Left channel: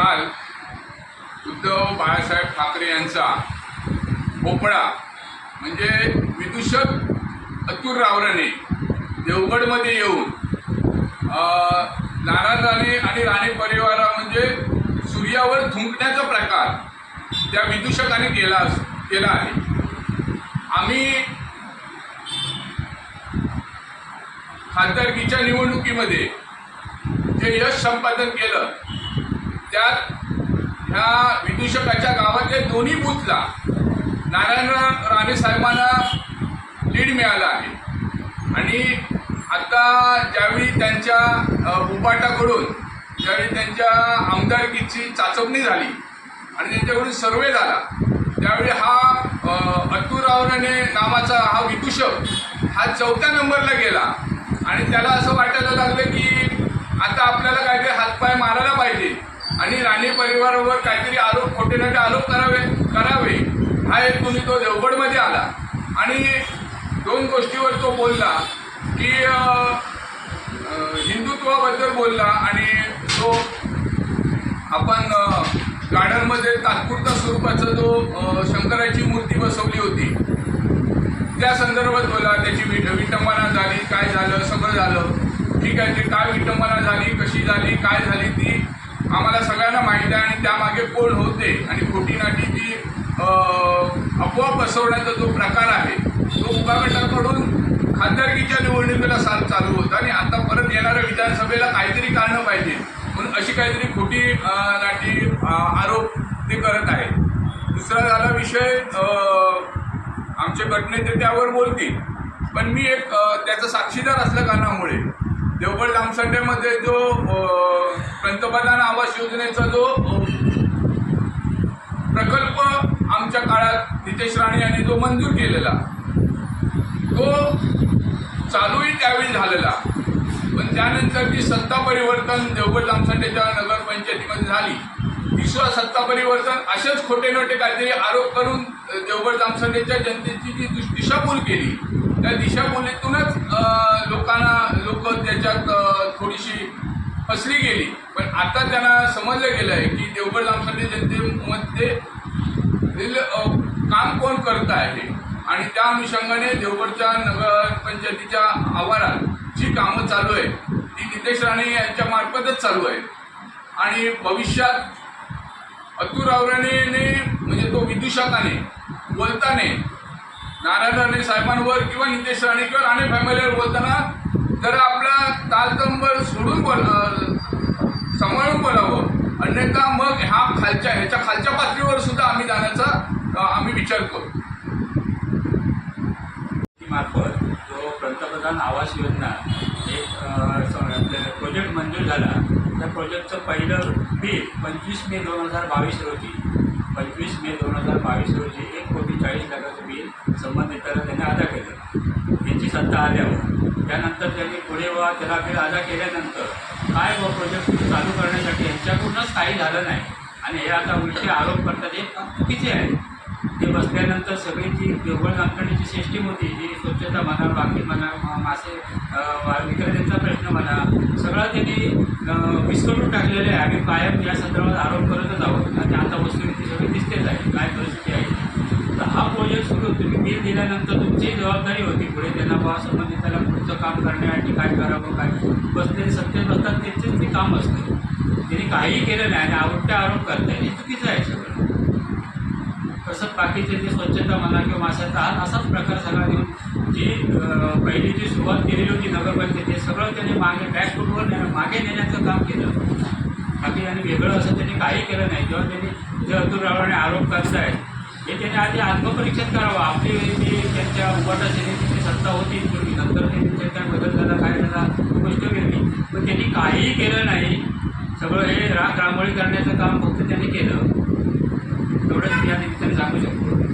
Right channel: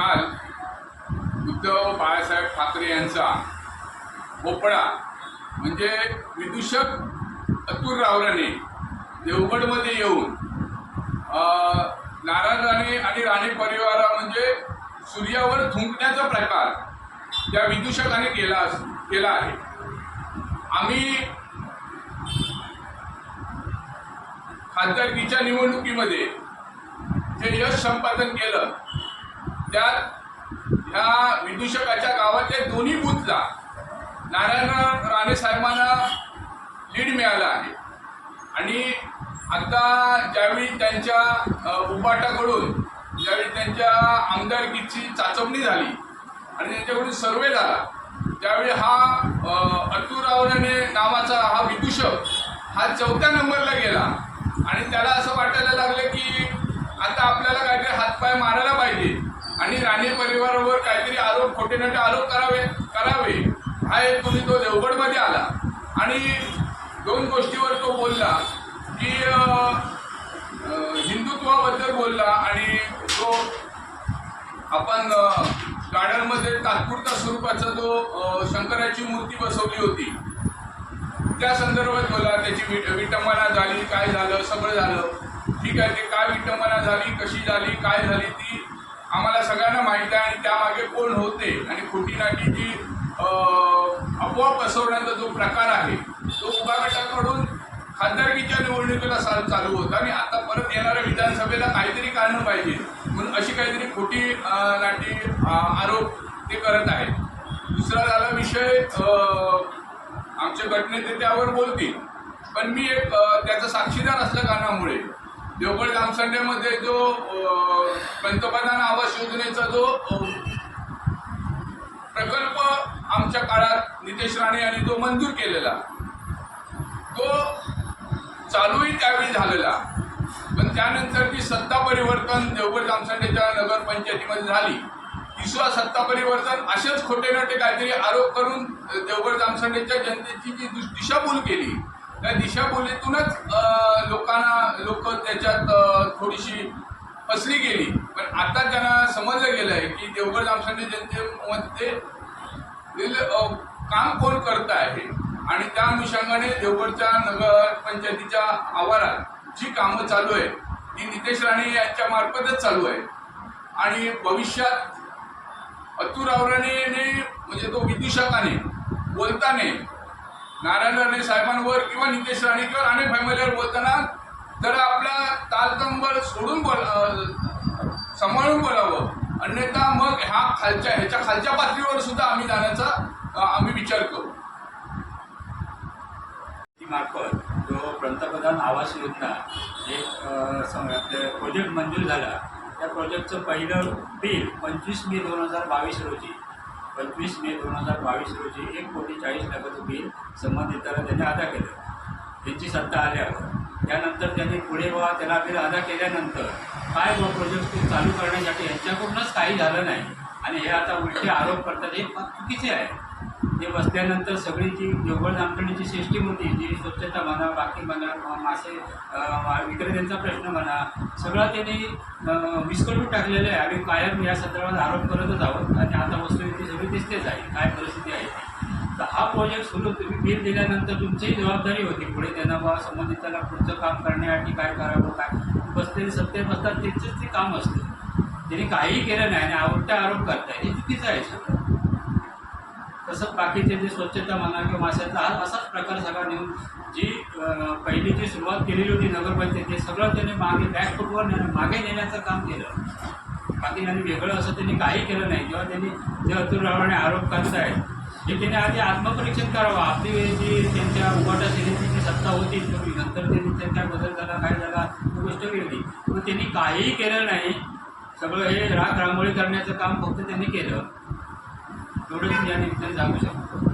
काल उद्धव बाळासाहेब ठाकरे यांचा भोपळा म्हणजे विदूषक अतुर रावराने देवगडमध्ये येऊन नारायण राणे आणि राणे परिवारा म्हणजे सूर्यावर थुंकण्याचा प्रकार त्या विदूषकाने केला केला आहे. आम्ही खासदारकीच्या निवडणुकीमध्ये जे यश संपादन केलं त्यात ह्या विदूषकाच्या गावातल्या दोन्ही बूथला नारायण राणे साहेबांना लीड मिळाला आहे. आणि आता ज्यावेळी त्यांच्या उपाटाकडून ज्यावेळी त्यांच्या आमदारकीची चाचपणी झाली आणि त्यांच्याकडून सर्वे झाला त्यावेळी हा अ, नावाचा हा विदूषक हा चौथ्या नंबरला गेला. आणि त्याला असं वाटायला लागलं की आता आपल्याला काहीतरी हातपाय मारायला पाहिजे. आणि राणे परिवारावर काहीतरी आरोप खोटे नाटे आरोप करावे करावे हा एक हेतून तो देवगडमध्ये आला. आणि दोन गोष्टीवर तो बोलला की हिंदुत्वाबद्दल बोलला आणि जो आपण गार्डनमध्ये तात्पुरता स्वरूपाचा जो शंकराची मूर्ती बसवली होती. त्या संदर्भात बोला त्याची विट विटंबना झाली काय झालं सगळं झालं. ठीक आहे ते काय विटंबना झाली कशी झाली काय झाली ती आम्हाला सगळ्यांना माहीत आहे आणि त्यामागे कोण होते आणि खोटी नाटी जी अफवा पसरवण्याचा जो प्रकार आहे तो उपागटाकडून खासदारकीच्या निवडणुकीला सा चालू होता. आणि आता परत येणाऱ्या विधानसभेला काहीतरी कारणं पाहिजे. म्हणून अशी काहीतरी खोटी नाटी आरोप ते करत आहेत. दुसरा झाला विषय आमचे गटनेते त्यावर बोलतील. पण मी एक त्याचा साक्षीदार असल्या कारणामुळे देवगड जामसंडेमध्ये जो पंतप्रधान आवास योजनेचा जो प्रकल्प आमच्या काळात नितेश राणे यांनी जो मंजूर केलेला तो चालूही त्यावेळी झालेला. पण त्यानंतर जी सत्ता परिवर्तन देवगड जामसंडेच्या नगरपंचायतीमध्ये झाली तिसरा सत्ता परिवर्तन असेच खोटे नोटे काहीतरी आरोप करून देवगड जामसंडेच्या जनतेची जी दिशाभूल केली त्या दिशाभूलीतूनच लोकांना लोक त्याच्यात थोडीशी फसली गेली. पण आता त्यांना समजलं गेलं आहे की देवगड जामसंडे जनतेमध्ये काम कोण करत आहे? आणि त्या अनुषंगाने देवगडच्या नगरपंचायतीच्या आवारात जी कामं चालू आहे ती नितेश राणे यांच्या मार्फतच चालू आहे आणि भविष्यात अतुर रावराणेने म्हणजे तो विदूषकाने बोलताने नारायण राणे साहेबांवर किंवा नितेश राणे किंवा राणे फॅमिलीवर बोलताना जर आपला तालतंबळ सोडून बोल सांभाळून बोलावं. अन्यथा मग ह्या खालच्या ह्याच्या खालच्या पातळीवर सुद्धा आम्ही जाण्याचा आम्ही विचार करू. मार्फत जो पंतप्रधान आवास योजना एक प्रोजेक्ट मंजूर झाला त्या प्रोजेक्टचं पहिलं बिल पंचवीस मे दोन हजार बावीस रोजी पंचवीस मे दोन हजार बावीस रोजी एक कोटी चाळीस लाख संबंधित त्यांनी अदा केले. त्यांची सत्ता आल्यावर. त्यानंतर त्यांनी पुढे व त्याला बिल अदा केल्यानंतर काय व प्रोजेक्ट चालू करण्यासाठी यांच्याकडूनच काही झालं नाही. आणि हे आता उलटे आरोप करतात. हे चुकीचे आहे. ते बसल्यानंतर सगळी जी देवगड नामकर्णीची सिस्टीम होती जी स्वच्छता म्हणा बाकी म्हणा मासे विक्रेत्यांचा प्रश्न म्हणा सगळं त्यांनी विस्कटून टाकलेलं आहे. आम्ही कायम या संदर्भात आरोप करतच आहोत. आणि आता वस्तुस्थिती सगळी दिसतेच आहे. काय परिस्थिती आहे? तर हा प्रोजेक्ट सुरू तुम्ही बिल दिल्यानंतर तुमची जबाबदारी होती. पुढे त्यांना बा संबंधिताला पुढचं काम करण्यासाठी काय करावं काय? बसलेले सत्तेत बसतात त्यांचेच ते काम असते. त्यांनी काहीही केलं नाही आणि आवडते आरोप करता हे चुकीचं आहे सगळं. तसंच बाकीचे जे स्वच्छता म्हणा किंवा माशाचा हा असाच प्रकार सगळा देऊन जी पहिली जी सुरुवात केलेली होती नगरपंचायत ते सगळं त्याने मागे बॅकफुटवर नेणं मागे नेण्याचं काम केलं. बाकी आणि वेगळं असं त्यांनी काही केलं नाही. जेव्हा त्यांनी जे अतुल रावणे आरोप करतायत हे त्यांनी आधी आत्मपरीक्षण करावं. आपली जी त्यांच्या उभाटा सेनेची सत्ता होती पूर्वी. नंतर त्यांनी काय बदल झाला काय झाला ही गोष्ट वेगळी. पण त्यांनी काहीही केलं नाही. सगळं हे राग रांगोळी करण्याचं काम फक्त त्यांनी केलं. एवढंच या निमित्ताने सांगू शकतो.